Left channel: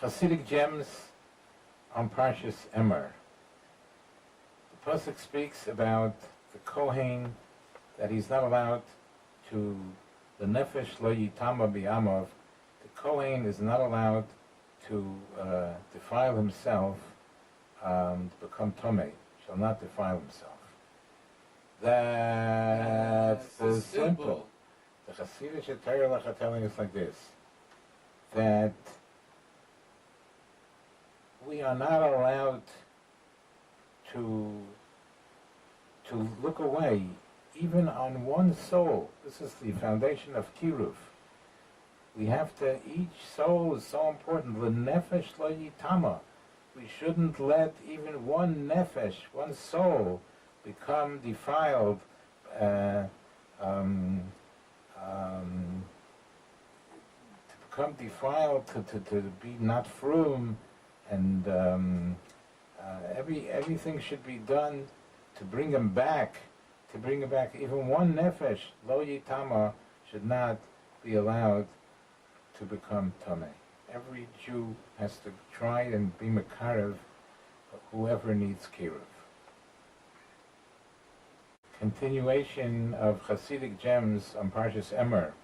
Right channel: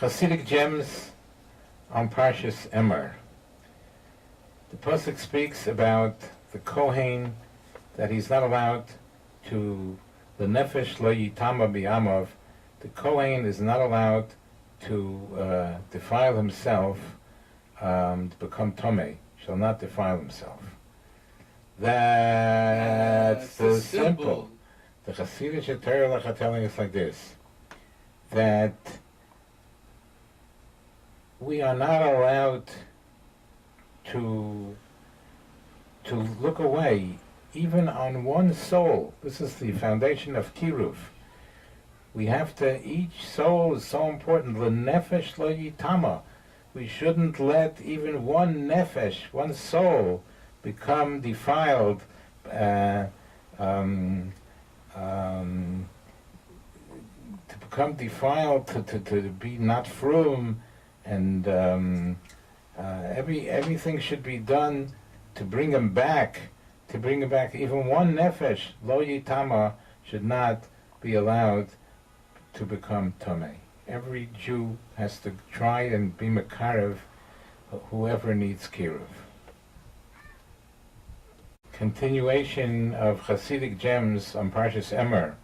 Chassidic gems on Parshas Emor. The pasuk speaks about the Kohen, that he's not allowed to, the nefesh lo yitama bi'amav, the Kohen is not allowed to defile himself, to become tomei, shall not defile himself. That's so simple. The Chassidic Torah are telling us like this, that we are not allowed to look away, even on one soul. This is the foundation of Kiruv. We have to, each soul is so important. L'nefesh lo yitama. We shouldn't let even one nefesh, one soul, become defiled, to become defiled, to be not frum, and everything should be done to bring him back, Even one nefesh, lo yitama, should not be allowed to become tomei. Every Jew has to try and be mekarev whoever needs kiruv. Continuation of Chassidic gems on Parshas Emor.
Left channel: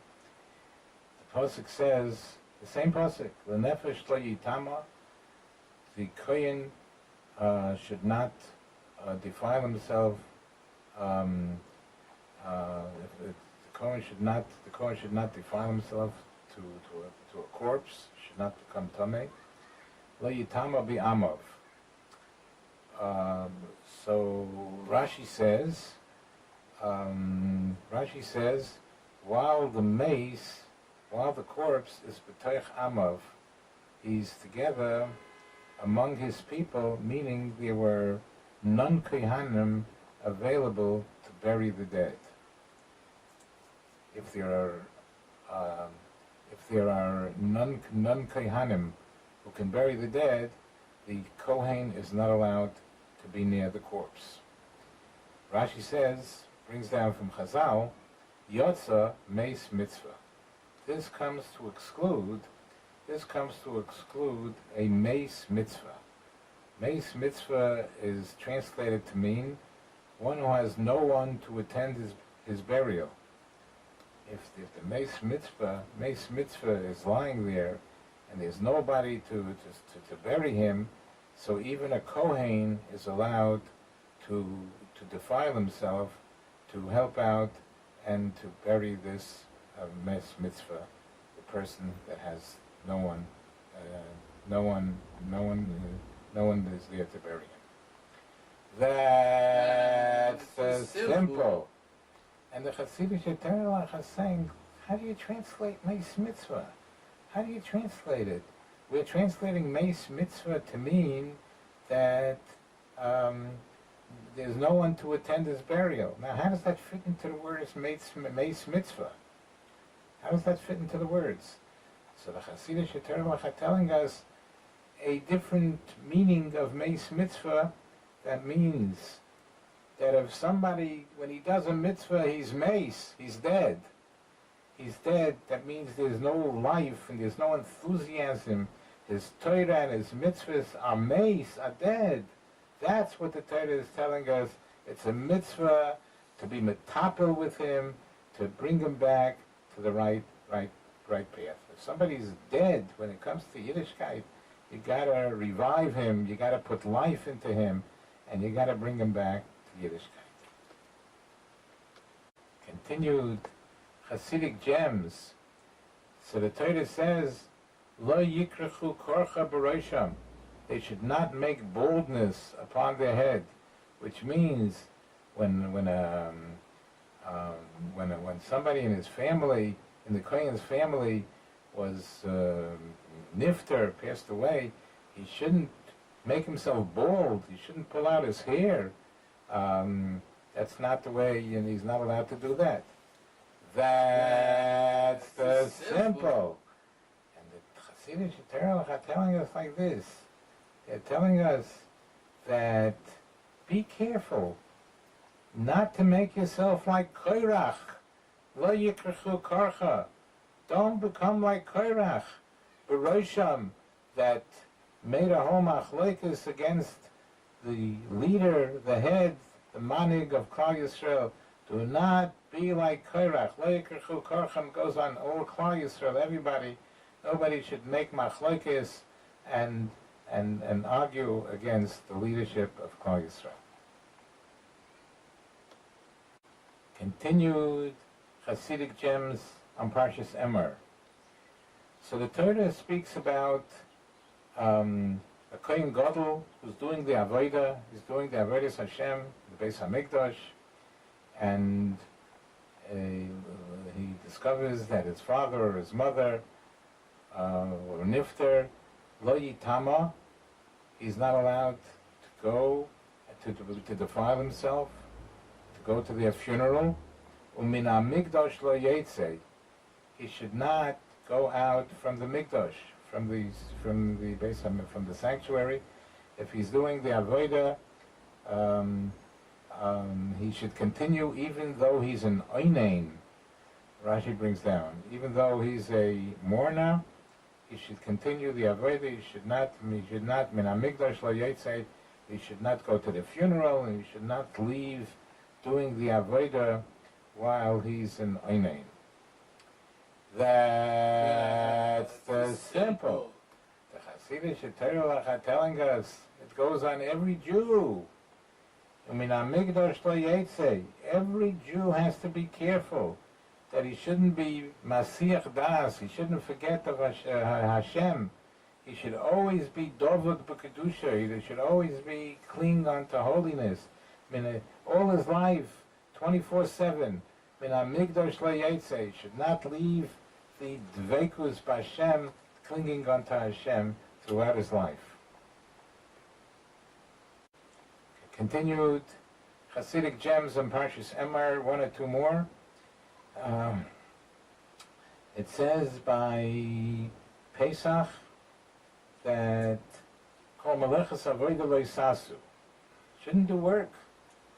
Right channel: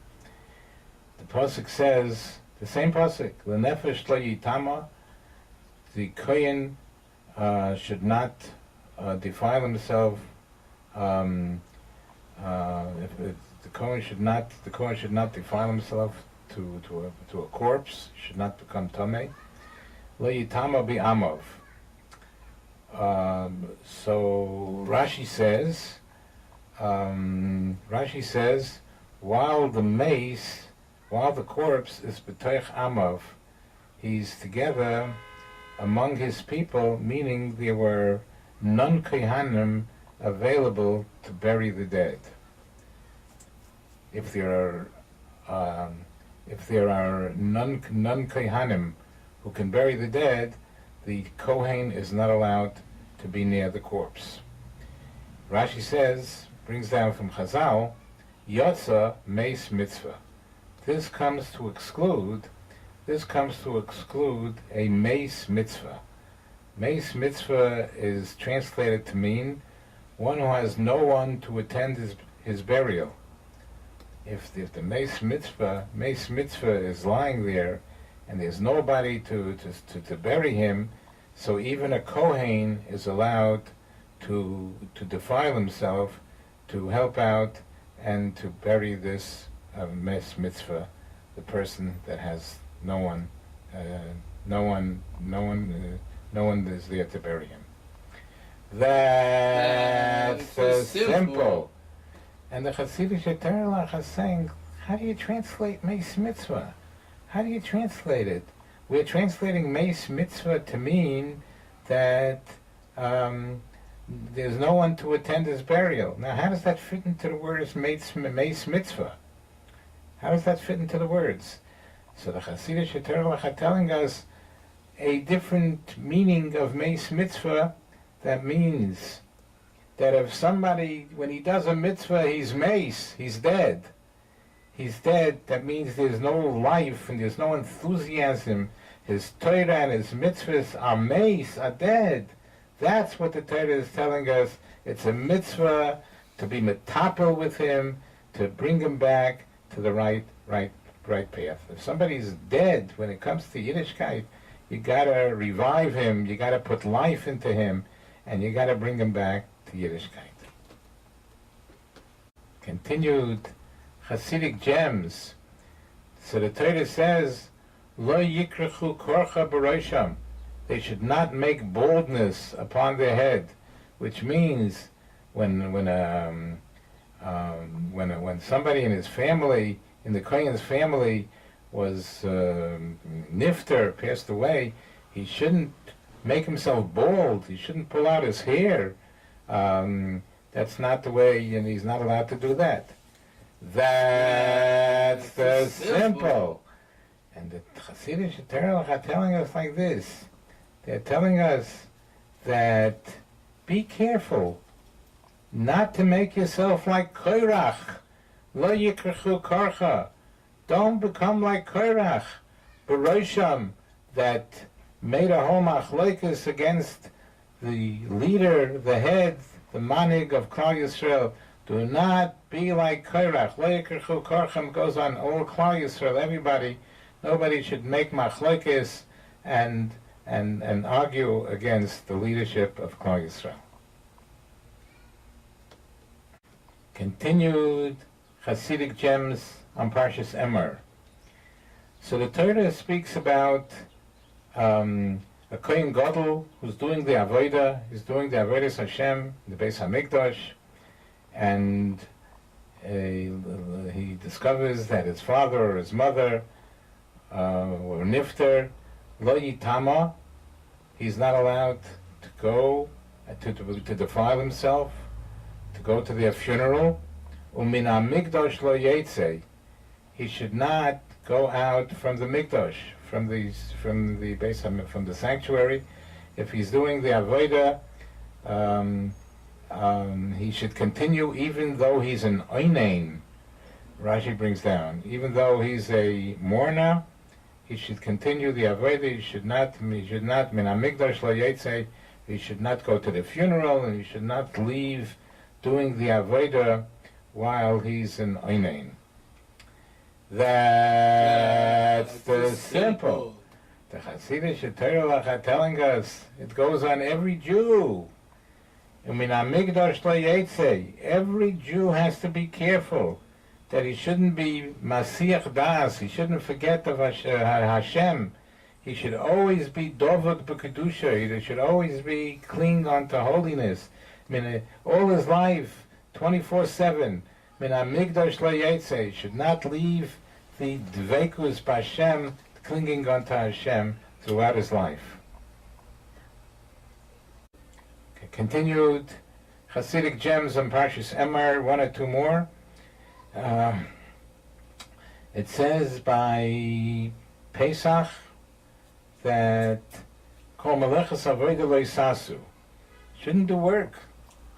The pasuk says, the same pasuk, l'nefesh lo yitama, the Kohen should not defile himself. If the Kohen should not defile himself to a corpse, should not become tamei. Lo yitama bi'amav. So Rashi says, while the corpse is b'toich amav, he's together among his people, meaning there were none kohanim available to bury the dead. If there are none kohanim who can bury the dead, the kohen is not allowed to be near the corpse. Rashi says, brings down from Chazal, Yotza Mace Mitzvah. This comes to exclude a Mace Mitzvah. Mace Mitzvah is translated to mean one who has no one to attend his burial. If the Mace Mitzvah is lying there and there's nobody to bury him, so even a Kohen is allowed to defile himself, to help out and to bury this Mace Mitzvah, the person that has no one is there to bury him. That's simple. And the Chassidic Torah is saying, how do you translate Mace Mitzvah? How do you translate it? We're translating Mace Mitzvah to mean that there's no one to attend his burial. Now, how does that fit into the words Mace Mitzvah? How does that fit into the words? So the Chassidic Torah are telling us a different meaning of Mace Mitzvah. That means that if somebody, when he does a mitzvah, he's mace, he's dead. He's dead, that means there's no life and there's no enthusiasm. His Torah and his mitzvahs are mace, are dead. That's what the Torah is telling us. It's a mitzvah to be metapel with him, to bring him back to the right path. If somebody's dead, when it comes to Yiddishkeit, you gotta revive him, you gotta put life into him, and you gotta bring him back to Yiddishkeit. Continued Chassidic gems. So the Torah says, Lo yikrechu korcha b'rosham. They should not make baldness upon their head, which means when somebody in his family, in the Kohen's family, was nifter, passed away, he shouldn't make himself bald. He shouldn't pull out his hair. That's not the way, and he's not allowed to do that. That's simple. And the Chassidic Torah are telling us like this. They're telling us that be careful not to make yourself like Korach. Lo yikrechu korcha. Don't become like Korach. B'rosham, that made a whole machlokes against the leader, the head, the manig of Klal Yisrael. Do not be like Korach. Lo yikerchu korchem goes on all Klal Yisrael, everybody. Nobody should make machlokes and argue against the leadership of Klal Yisrael. Continued Chassidic gems on Parshas Emor. So the Torah speaks about a Kohen Gadol who's doing the Avodah, he's doing the Avodas Hashem, the Beis HaMikdash, and he discovers that his father or his mother were nifter, lo yitama, he's not allowed to go to defile himself, to go to their funeral. Umin HaMikdash lo yetze, he should not go out from the Mikdash, from the sanctuary. If he's doing the Avodah, he should continue even though he's an Oinain. Rashi brings down, even though he's a mourner, he should continue the Avodah. He should not min hamikdash lo yetze, he should not go to the funeral, and he should not leave doing the Avodah while he's an Oinain. That's the simple. The Chassidic Torah are telling us it goes on every Jew. Every Jew has to be careful that he shouldn't be Masiach Das, he shouldn't forget of Hashem. He should always be Dovot B'Kedusha, he should always be clinging on to holiness. All his life, 24/7. He should not leave the Dvekus B'Hashem, clinging on to Hashem throughout his life. Continued Chassidic gems on Parshas Emor, one or two more. It says by Pesach that Kol Melechas Avodah Lo Yisasu, shouldn't do work.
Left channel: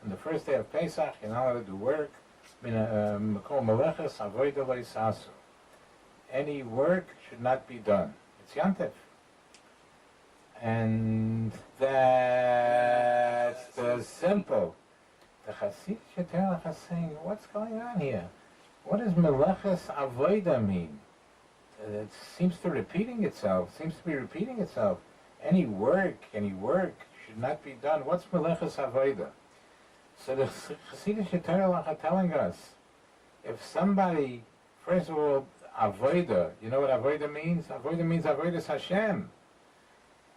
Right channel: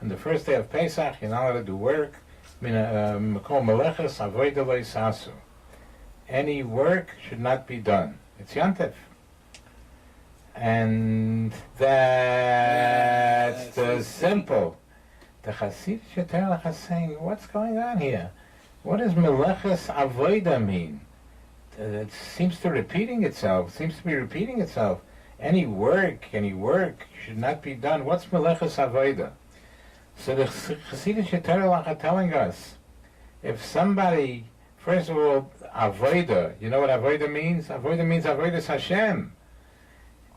On the first day of Pesach, you're not allowed to do work. Kol Melechas Avodah Lo Yisasu. Any work should not be done. It's Yontif. And that's the simple. The Chassidic Torah is saying, what's going on here? What does Meleches Avodah mean? It seems to be repeating itself. Any work should not be done. What's Meleches Avodah? So the Chassidic Torah are telling us, if somebody, first of all, Avodah, you know what Avodah means? Avodah means Avodas Hashem.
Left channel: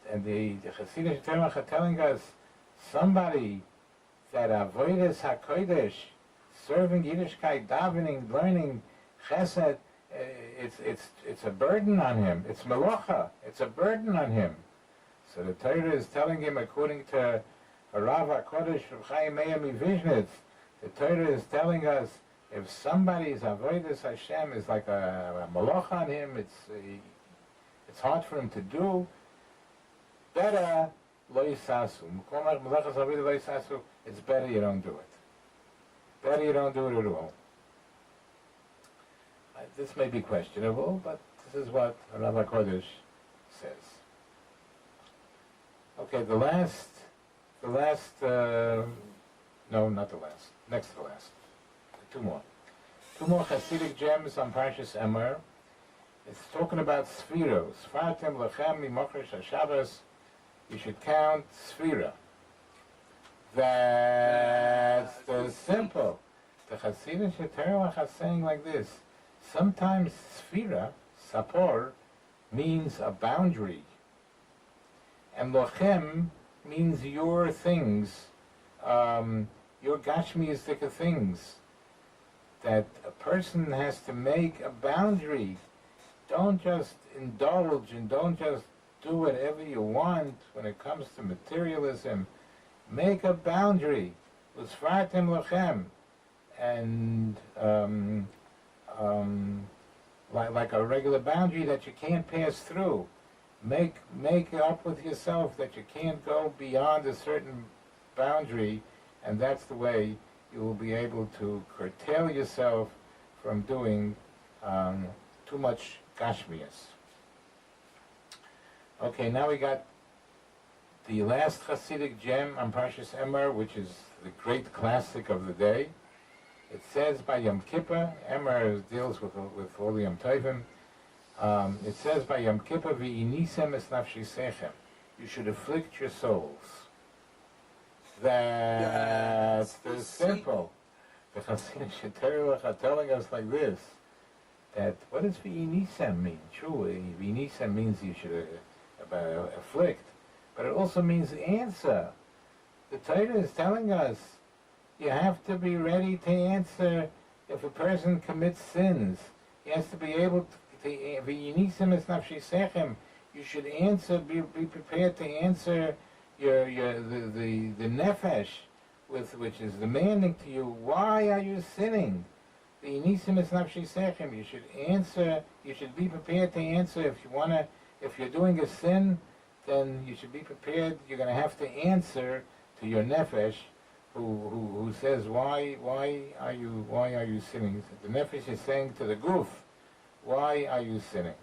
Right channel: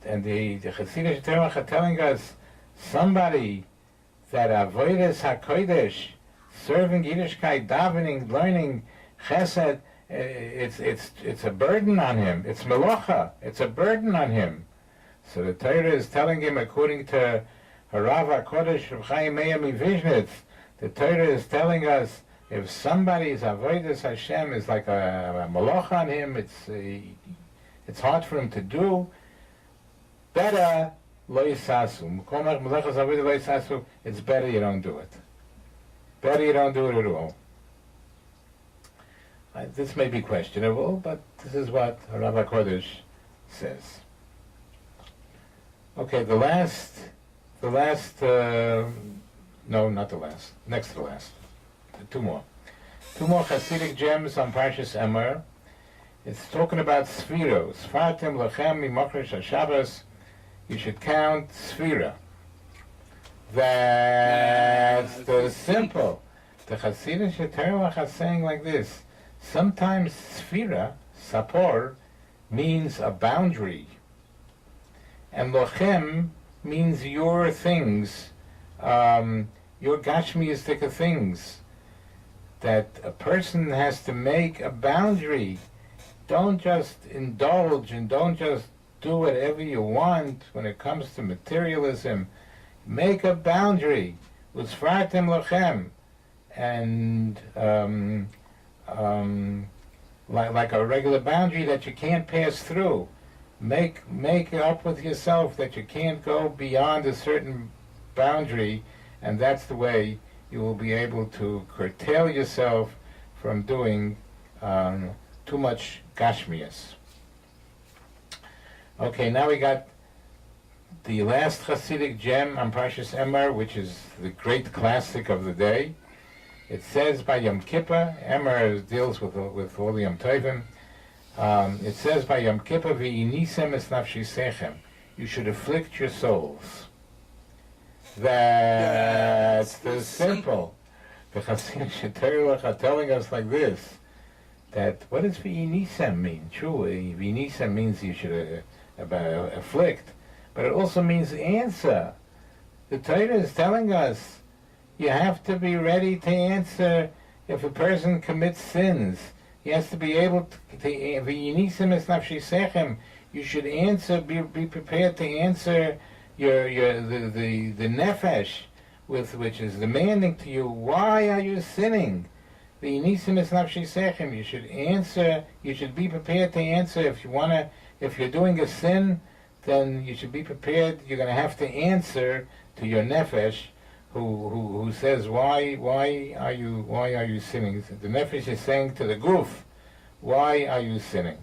And the Chassidic Torah are telling us, somebody that Avodas HaKodesh, serving Yiddishkeit, davening, learning Chesed, it's a burden on him. It's Melocha. It's a burden on him. So the Torah is telling him, according to Harav HaKodesh of Chaim Meir Mivizhnitz, the Torah is telling us, if somebody's Avodas Hashem is like a Melocha on him, it's hard for him to do. Better lo yisasu. It's better you don't do it. Better you don't do it at all. This may be questionable, but this is what Rav HaKodesh says. Okay, the last, no, not the last, next to the last. Two more Chassidic gems on Parshas Emor. It's talking about Sfiros. Fartem lechem mimokrish HaShabbos. You should count Sfira. That's the simple. The Chassidic Torah are saying like this. Sometimes Sfira, Sapor, means a boundary. And Lochem means your things, your Gashmiistic things. That a person has to make a boundary. Don't just indulge and don't just do whatever you want when it comes to materialism. Make a boundary. Usfartem lochem. And like a regular boundary that you can't pass through. Make up with yourself that you can't go beyond a certain boundary, and that's the way you will be able to curtail yourself from doing too much gashmias. Okay, now we got the last Chassidic gem on Parshas Emor, which is the great classic of the day. It says by Yom Kippur, Emor deals with all the Yom Tovim. It says by Yom Kippur, V'yinisem es nafshisechem. You should afflict your souls. That's the simple. The Chassidic Sheterach are telling us like this, that what does V'yinisem mean? Truly, V'yinisem means you should afflict, but it also means answer. The Torah is telling us you have to be ready to answer if a person commits sins. He has to be able to you should answer, be prepared to answer the nefesh, which is demanding to you, why are you sinning? You should answer, you should be prepared to answer if you're doing a sin, then you should be prepared, you're going to have to answer to your nefesh, who says, why are you sinning? The nefesh is saying to the guf, why are you sinning?